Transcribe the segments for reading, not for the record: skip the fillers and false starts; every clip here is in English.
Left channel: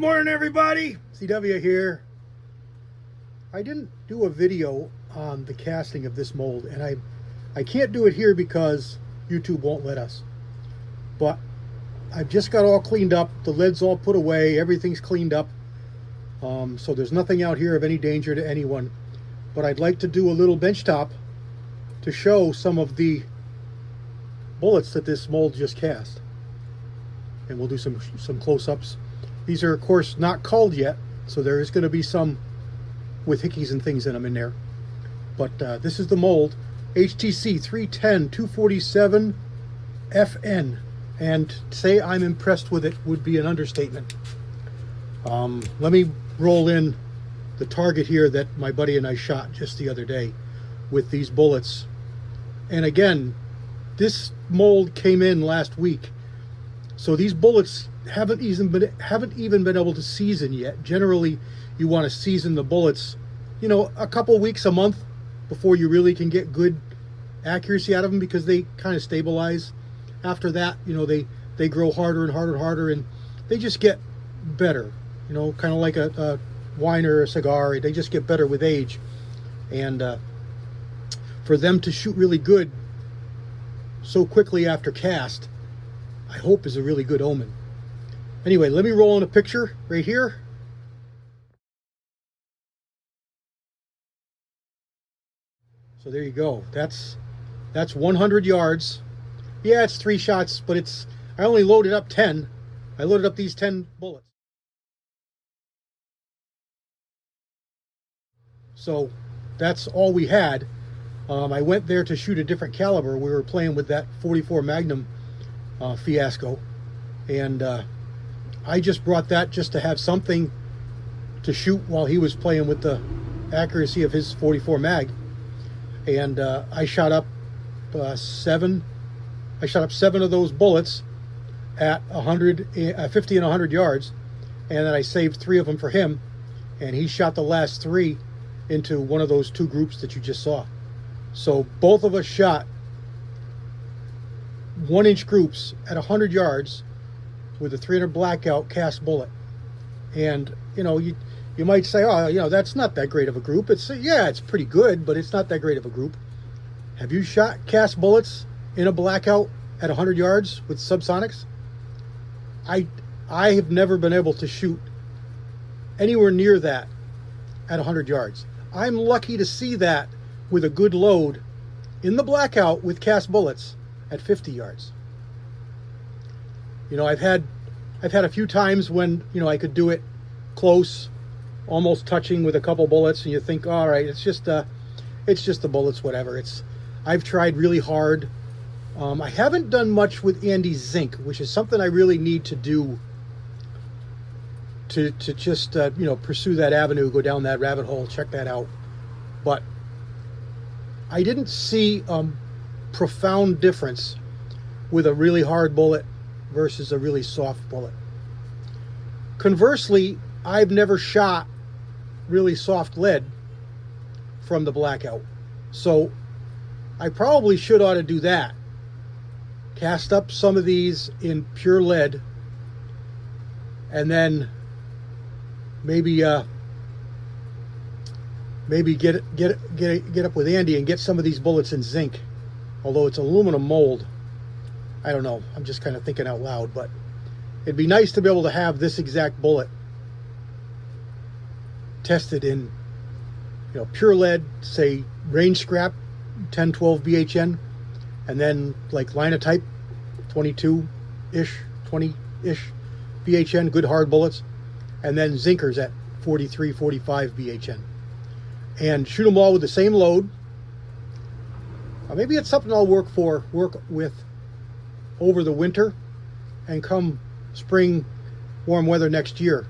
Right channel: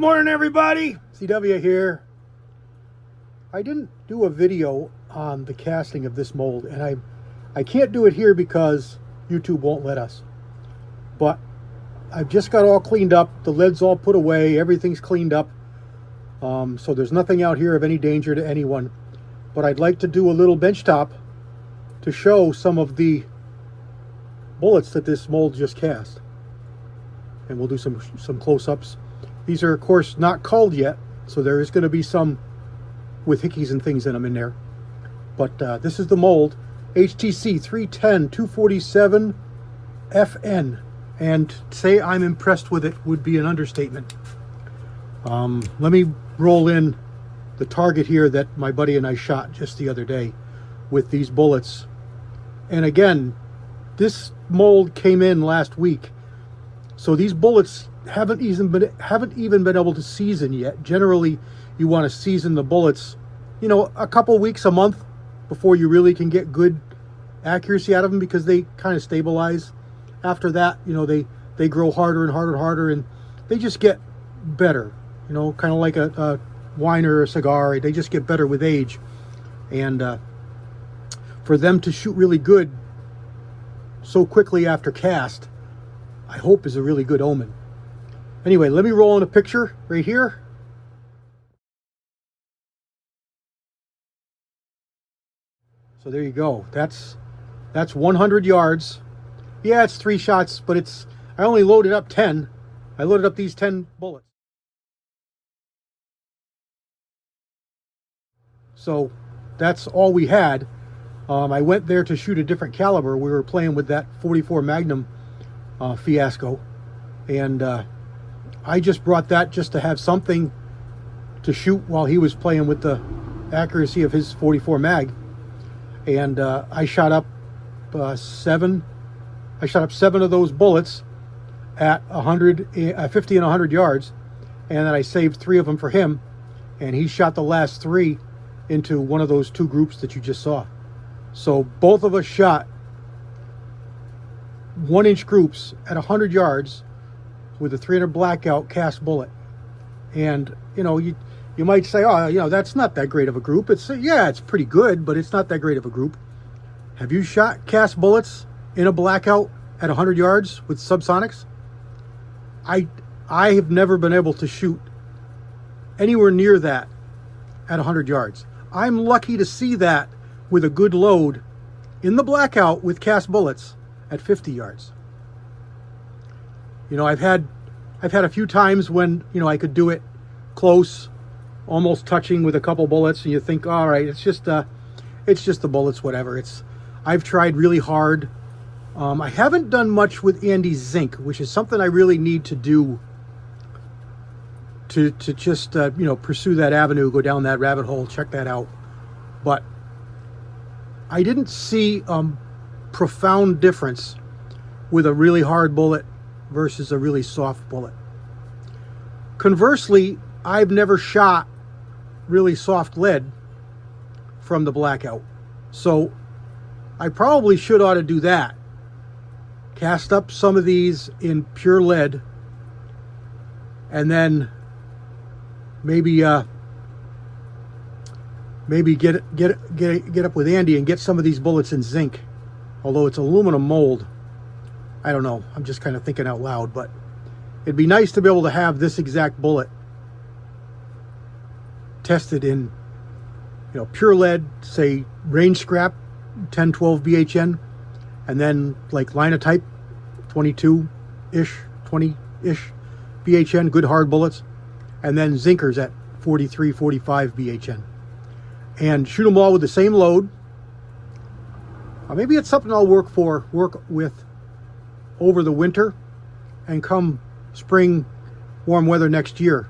Morning everybody, CW here. I didn't do a video on the casting of this mold, and I can't do it here because YouTube won't let us. But I've just got all cleaned up, the lead's all put away, everything's cleaned up. So there's nothing out here of any danger to anyone. But I'd like to do a little benchtop to show some of the bullets that this mold just cast. And we'll do some close-ups. These are, of course, not culled yet, so there is going to be some with hickeys and things in them in there. But this is the mold, HTC 310-247 FN. And say I'm impressed with it would be an understatement. Let me roll in the target here that my buddy and I shot just the other day with these bullets. And again, this mold came in last week. So these bullets haven't even been able to season yet. Generally, you want to season the bullets, you know, a couple weeks, a month before you really can get good accuracy out of them, because they kind of stabilize. After that, you know, they grow harder and harder and harder, and they just get better. You know, kind of like a wine or a cigar. They just get better with age. And for them to shoot really good so quickly after cast, I hope is a really good omen. Anyway, let me roll in a picture right here. So there you go. That's 100 yards. Yeah, it's 3 shots, but I only loaded up 10. I loaded up these 10 bullets. So that's all we had. I went there to shoot a different caliber. We were playing with that 44 Magnum fiasco, and I just brought that just to have something to shoot while he was playing with the accuracy of his 44 mag. And I shot up 7 of those bullets at 50 and 100 yards, and then I saved 3 of them for him, and he shot the last 3 into one of those 2 groups that you just saw. So both of us shot 1-inch groups at 100 yards with a 300 blackout cast bullet. And you know, you might say, oh, you know, that's not that great of a group. Yeah, it's pretty good, but it's not that great of a group. Have you shot cast bullets in a blackout at 100 yards with subsonics? I have never been able to shoot anywhere near that at 100 yards. I'm lucky to see that with a good load in the blackout with cast bullets at 50 yards. You know, I've had a few times when, you know, I could do it close, almost touching with a couple bullets, and you think, all right, it's just the bullets, whatever. I've tried really hard. I haven't done much with Andy Zink, which is something I really need to do to just you know, pursue that avenue, go down that rabbit hole, check that out. But I didn't see profound difference with a really hard bullet versus a really soft bullet. Conversely, I've never shot really soft lead from the blackout, so I probably ought to do that. Cast up some of these in pure lead, and then maybe get up with Andy and get some of these bullets in zinc. Although it's aluminum mold, I don't know. I'm just kind of thinking out loud, but it'd be nice to be able to have this exact bullet tested in, you know, pure lead, say range scrap 10-12 BHN, and then like Linotype 22-ish, 20-ish BHN, good hard bullets, and then zinkers at 43-45 BHN, and shoot them all with the same load. Maybe it's something I'll work with over the winter, and come spring, warm weather next year,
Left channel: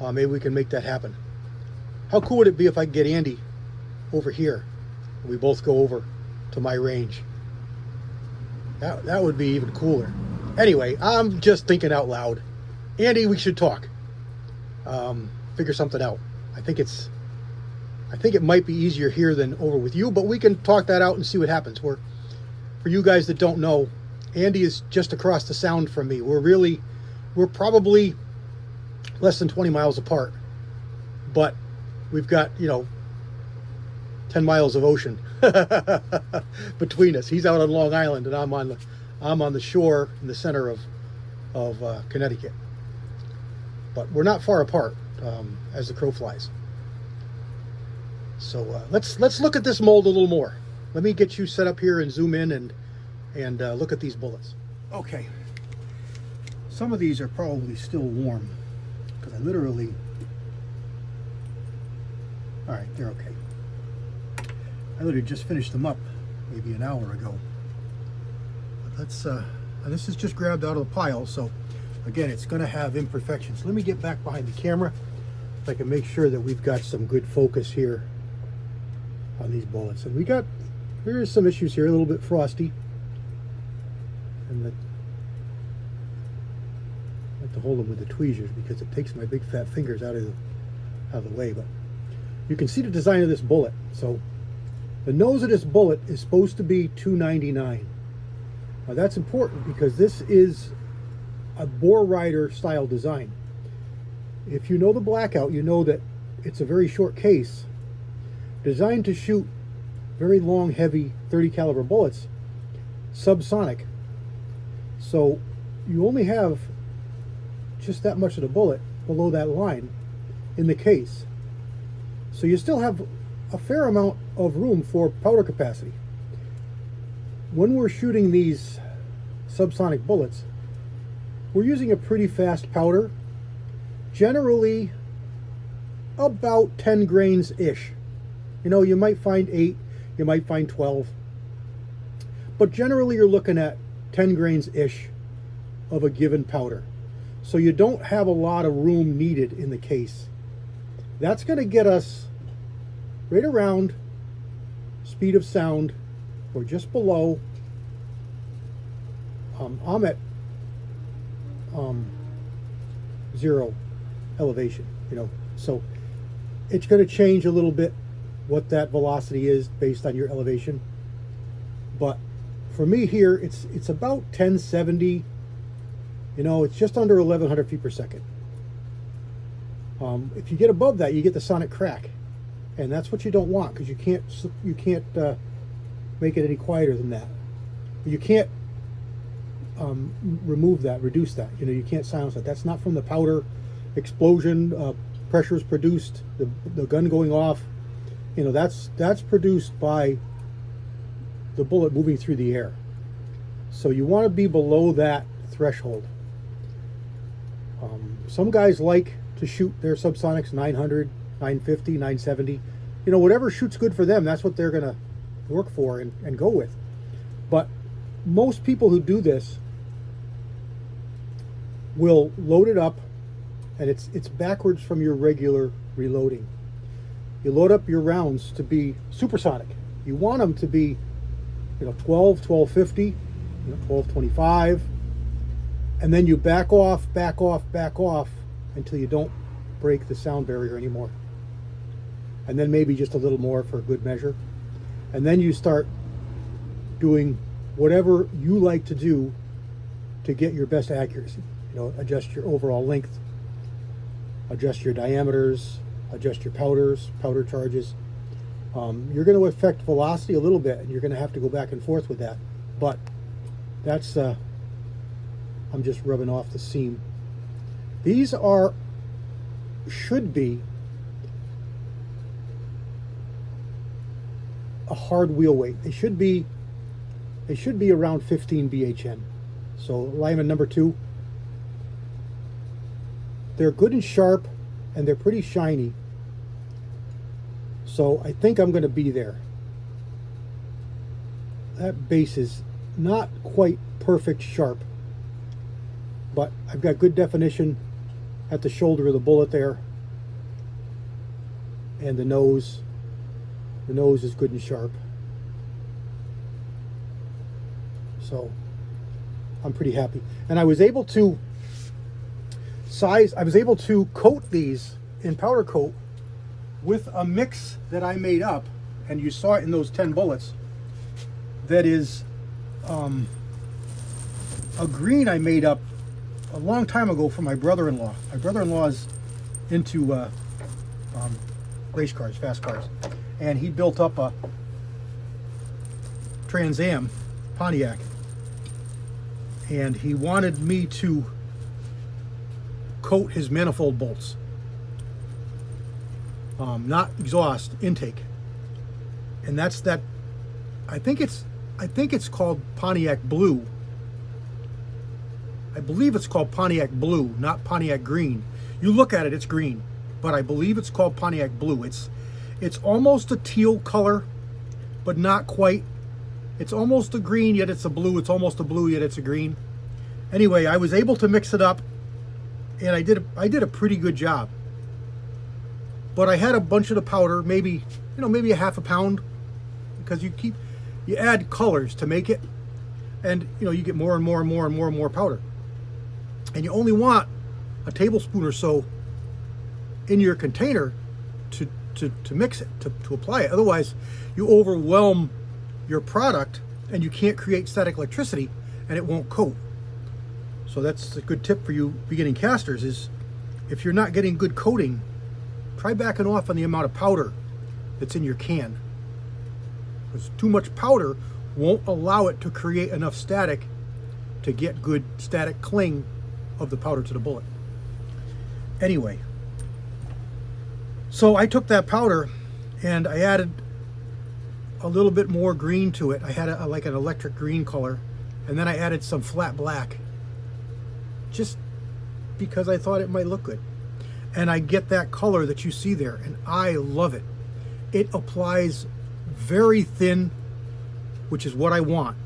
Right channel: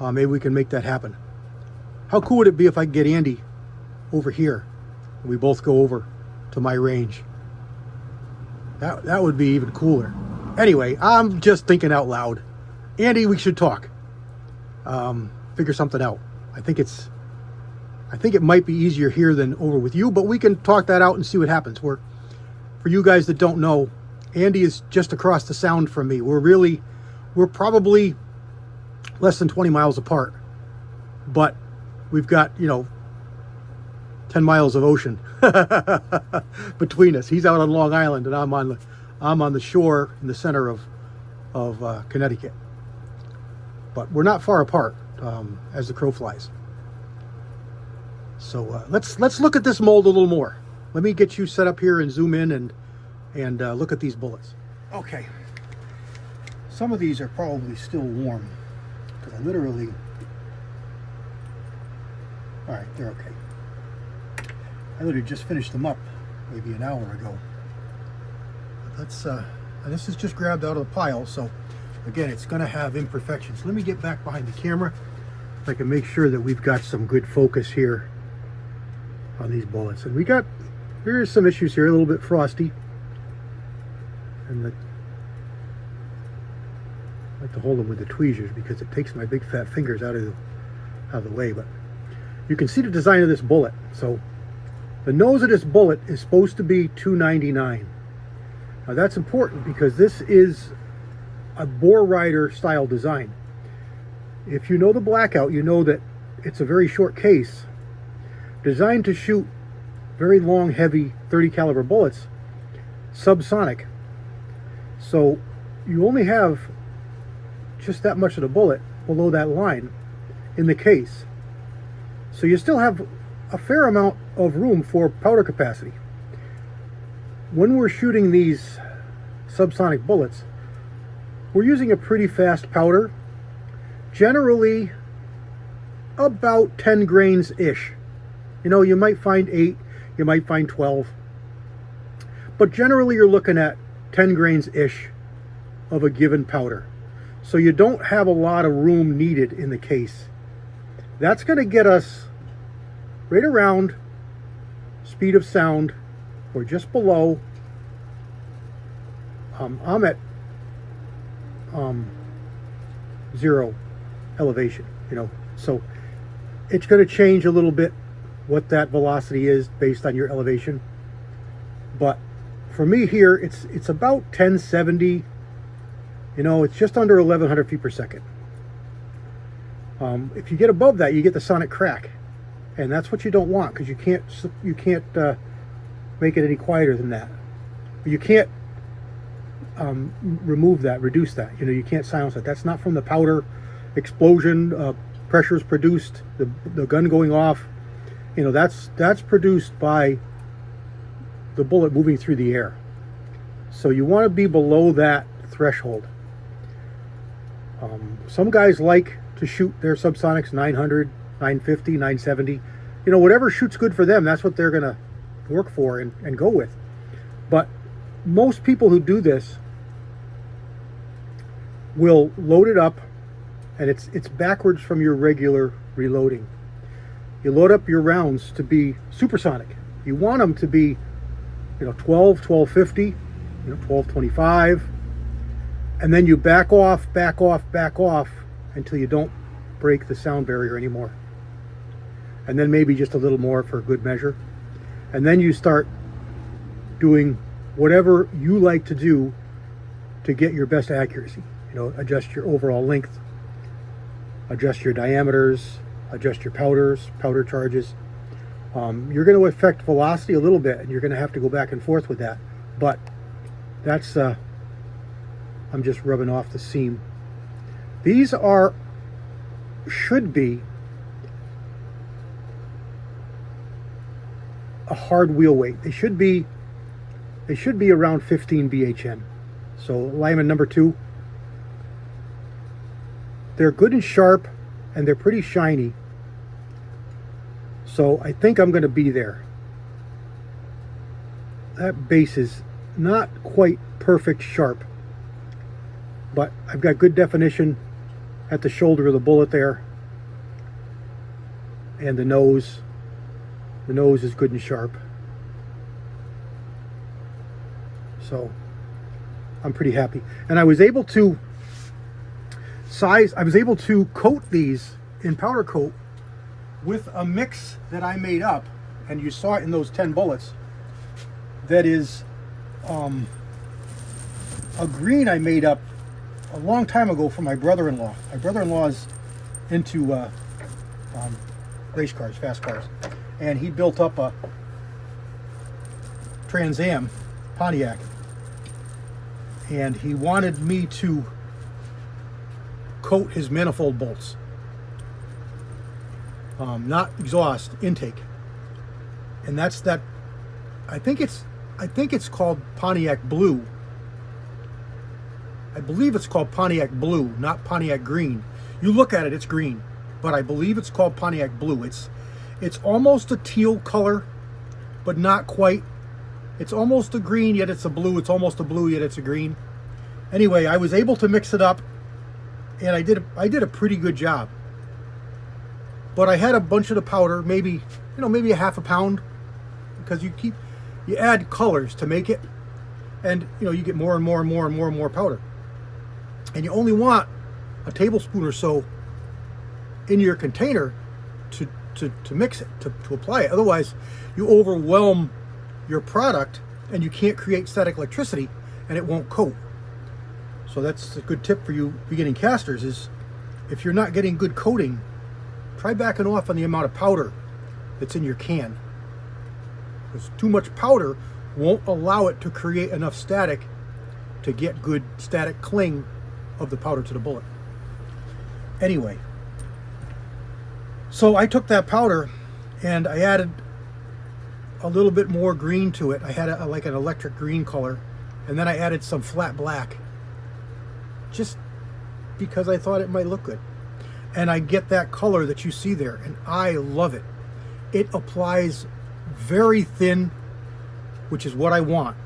maybe we can make that happen. How cool would it be if I could get Andy over here and we both go over to my range? That would be even cooler. Anyway, I'm just thinking out loud. Andy, we should talk. Figure something out. I think it might be easier here than over with you, but we can talk that out and see what happens. For you guys that don't know, Andy is just across the sound from me. We're probably less than 20 miles apart, but we've got, you know, 10 miles of ocean between us. He's out on Long Island, and I'm on the shore in the center of Connecticut. But we're not far apart as the crow flies. So let's look at this mold a little more. Let me get you set up here and zoom in and look at these bullets. Okay. Some of these are probably still warm because I literally. All right, they're okay. I literally just finished them up maybe an hour ago. But that's this is just grabbed out of the pile, so again, it's going to have imperfections. Let me get back behind the camera so I can make sure that we've got some good focus here on these bullets. And there's some issues here, a little bit frosty, and I like to hold them with the tweezers because it takes my big fat fingers out of the way. But you can see the design of this bullet. So the nose of this bullet is supposed to be 299. Now that's important because this is a bore rider style design. If you know the Blackout, you know that it's a very short case designed to shoot very long, heavy 30 caliber bullets, subsonic. So you only have just that much of the bullet below that line in the case. So you still have a fair amount of room for powder capacity. When we're shooting these subsonic bullets, we're using a pretty fast powder, generally about 10 grains-ish. You know, you might find 8, you might find 12, but generally you're looking at 10 grains-ish of a given powder. So you don't have a lot of room needed in the case. That's going to get us right around speed of sound, or just below. I'm at 0 elevation, you know, so it's going to change a little bit what that velocity is based on your elevation. But for me here, it's about 1070. You know, it's just under 1100 feet per second. If you get above that, you get the sonic crack, and that's what you don't want, because you can't make it any quieter than that. You can't reduce that. You know, you can't silence it. That's not from the powder explosion, pressures produced, the gun going off. You know, that's produced by the bullet moving through the air. So you want to be below that threshold. Some guys like to shoot their subsonics 900, 950, 970. You know, whatever shoots good for them, that's what they're going to work for and go with. But most people who do this will load it up, and it's backwards from your regular reloading. You load up your rounds to be supersonic. You want them to be, you know, 12, 1250, you know, 1225, and then you back off until you don't break the sound barrier anymore. And then maybe just a little more for good measure. And then you start doing whatever you like to do to get your best accuracy. You know, adjust your overall length, adjust your diameters, adjust your powder charges. You're going to affect velocity a little bit, and you're going to have to go back and forth with that. But that's, I'm just rubbing off the seam. These should be a hard wheel weight. They should be around 15 BHN. So Lyman number 2. They're good and sharp, and they're pretty shiny. So I think I'm going to be there. That base is not quite perfect sharp, but I've got good definition at the shoulder of the bullet there, and the nose is good and sharp. So I'm pretty happy. And I was able to coat these in powder coat with a mix that I made up, and you saw it in those 10 bullets. That is a green I made up a long time ago from my brother-in-law. My brother-in-law is into race cars, fast cars, and he built up a Trans Am Pontiac, and he wanted me to coat his manifold bolts, not exhaust, intake, and that's that. I think it's called Pontiac Blue. I believe it's called Pontiac Blue, not Pontiac Green. You look at it, it's green, but I believe it's called Pontiac Blue. It's almost a teal color, but not quite. It's almost a green, yet it's a blue. It's almost a blue, yet it's a green. Anyway, I was able to mix it up, and I did a pretty good job. But I had a bunch of the powder, maybe a half a pound, because you add colors to make it, and you get more and more and more and more and more powder. And you only want a tablespoon or so in your container to mix it, to apply it. Otherwise, you overwhelm your product and you can't create static electricity and it won't coat. So that's a good tip for you beginning casters, is if you're not getting good coating, try backing off on the amount of powder that's in your can. Because too much powder won't allow it to create enough static to get good static cling of the powder to the bullet. Anyway, so I took that powder and I added a little bit more green to it. I had like an electric green color, and then I added some flat black just because I thought it might look good. And I get that color that you see there, and I love it. It applies very thin, which is what I want.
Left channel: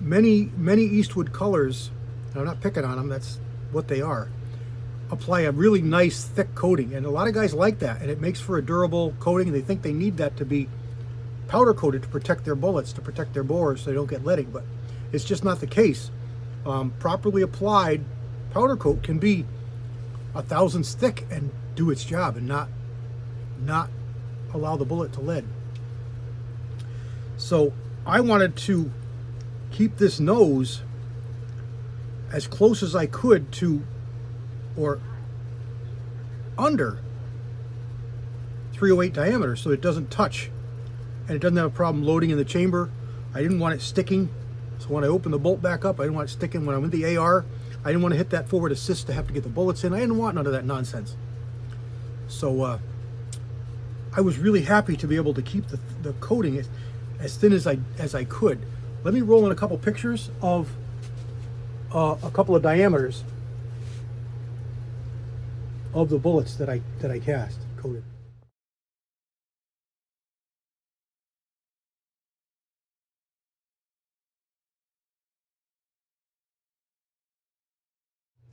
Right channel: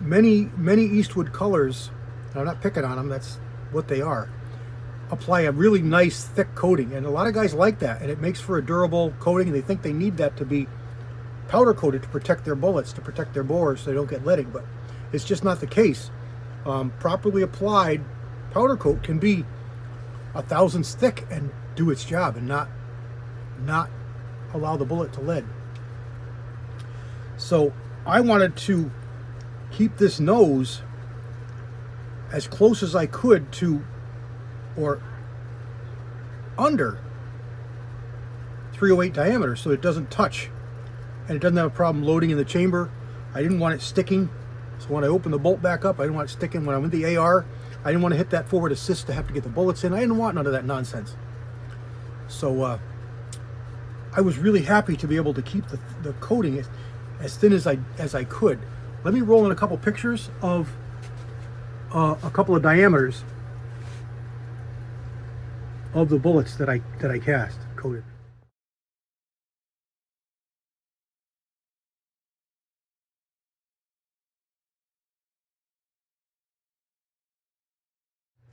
Many Eastwood colors, and I'm not picking on them, that's what they are, apply a really nice thick coating, and a lot of guys like that, and it makes for a durable coating, and they think they need that to be powder coated to protect their bullets, to protect their bores so they don't get leading, but it's just not the case. Properly applied powder coat can be 1/1000 thick and do its job and not allow the bullet to lead. So I wanted to keep this nose as close as I could to, or under 308 diameter, so it doesn't touch and it doesn't have a problem loading in the chamber. I didn't want it sticking, so when I open the bolt back up, I didn't want it sticking when I'm in the AR. I didn't want to hit that forward assist to have to get the bullets in. I didn't want none of that nonsense. So I was really happy to be able to keep the coating as thin as I could. Let me roll in a couple pictures of a couple of diameters of the bullets that I cast coated.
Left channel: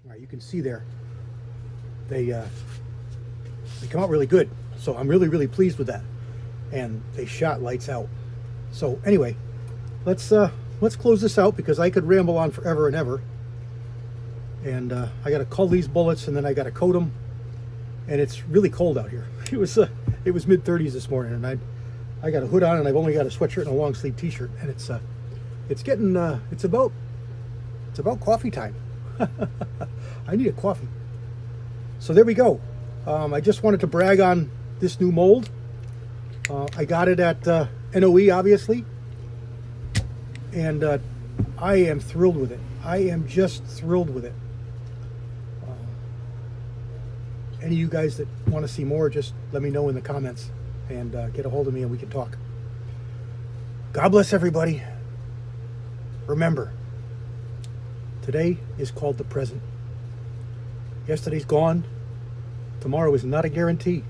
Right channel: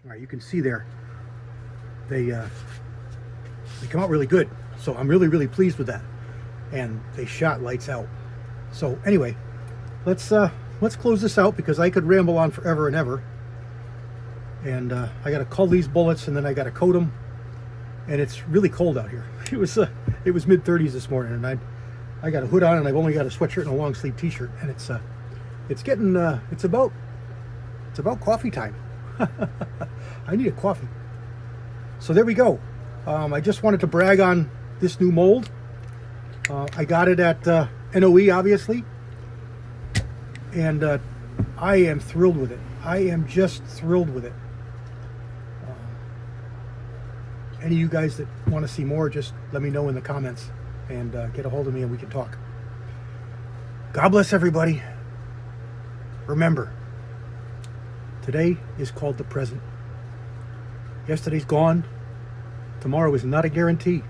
All right, you can see there they come out really good. So I'm really pleased with that, and they shot lights out. So anyway, let's close this out because I could ramble on forever and ever. And I got to cull these bullets, and then I got to coat them. And it's really cold out here. It was mid-30s this morning, and I got a hood on, and I've only got a sweatshirt and a long sleeve T-shirt, and it's about coffee time. I need a coffee. So there we go. I just wanted to brag on this new mold. I got it at NOE, obviously, and I am thrilled with it. I am just thrilled with it. Any of you guys that want to see more, just let me know in the comments and get a hold of me and we can talk. God bless everybody. Remember, today is called the present. Yesterday's gone. Tomorrow is not a guarantee.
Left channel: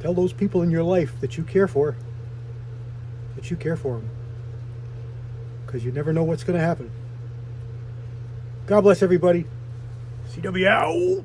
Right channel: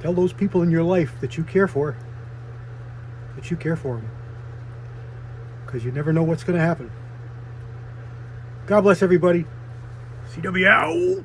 Tell those people in your life that you care for them. Because you never know what's going to happen. God bless everybody. CW out.